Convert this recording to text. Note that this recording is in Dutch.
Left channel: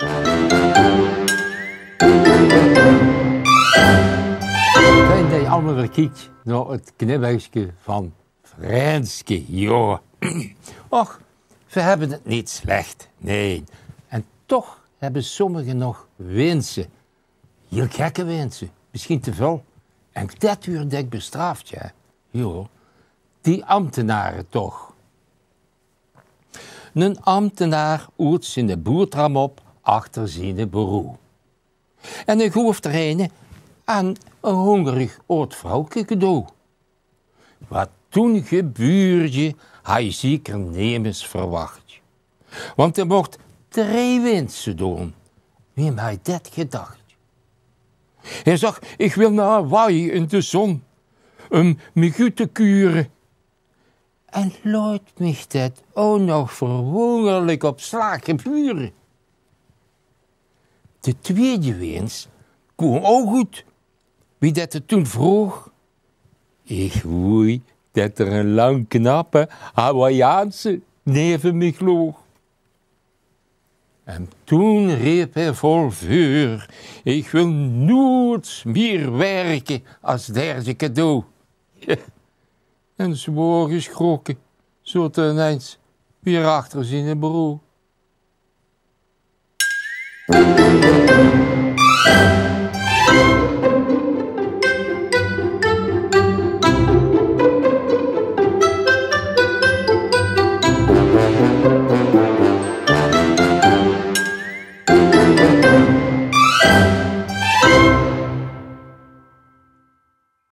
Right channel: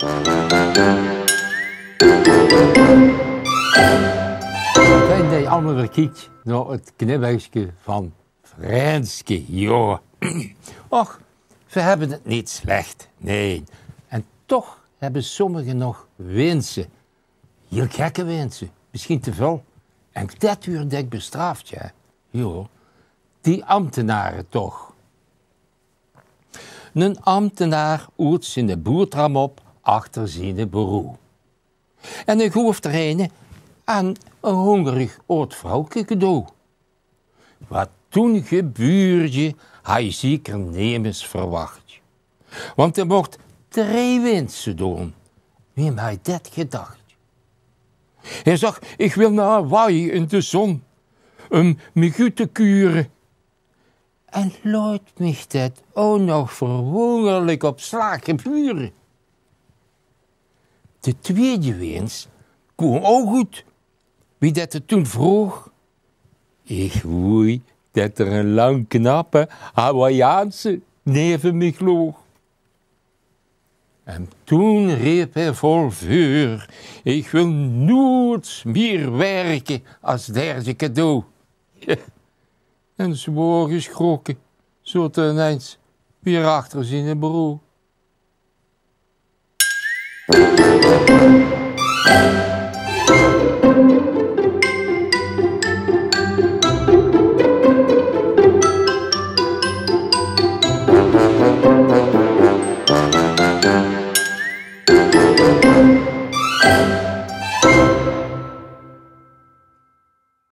Fijn dat je allemaal kijkt naar het knippertje van Renske, joh. Och, we hebben het niet slecht, nee. En toch hebben sommigen nog wensen. Heel gekke wensen, misschien te veel. En dat wordt ik bestraft, ja. Jo, die ambtenaren toch. Een ambtenaar oet zijn boertram op achter zijn bureau. En ik hoef er een aan een hongerig oud vrouwke cadeau. Wat toen gebeurde, hij zeker nemens verwacht. Want er mocht 3 wensen doen. Wie mij dat gedacht? Hij zag, ik wil naar waaien in de zon, me goed te kuren. En laat mich dat ook nog verwonderlijk op slag geburen. De tweede wens kwam ook goed. Wie dat het toen vroeg? Ik woei dat er een lang knappe Hawaiiaanse neven me loog. En toen riep hij vol vuur, ik wil nooit meer werken als derde cadeau. Ja. En zwaar geschrokken, zo ineens weer achter zijn bureau.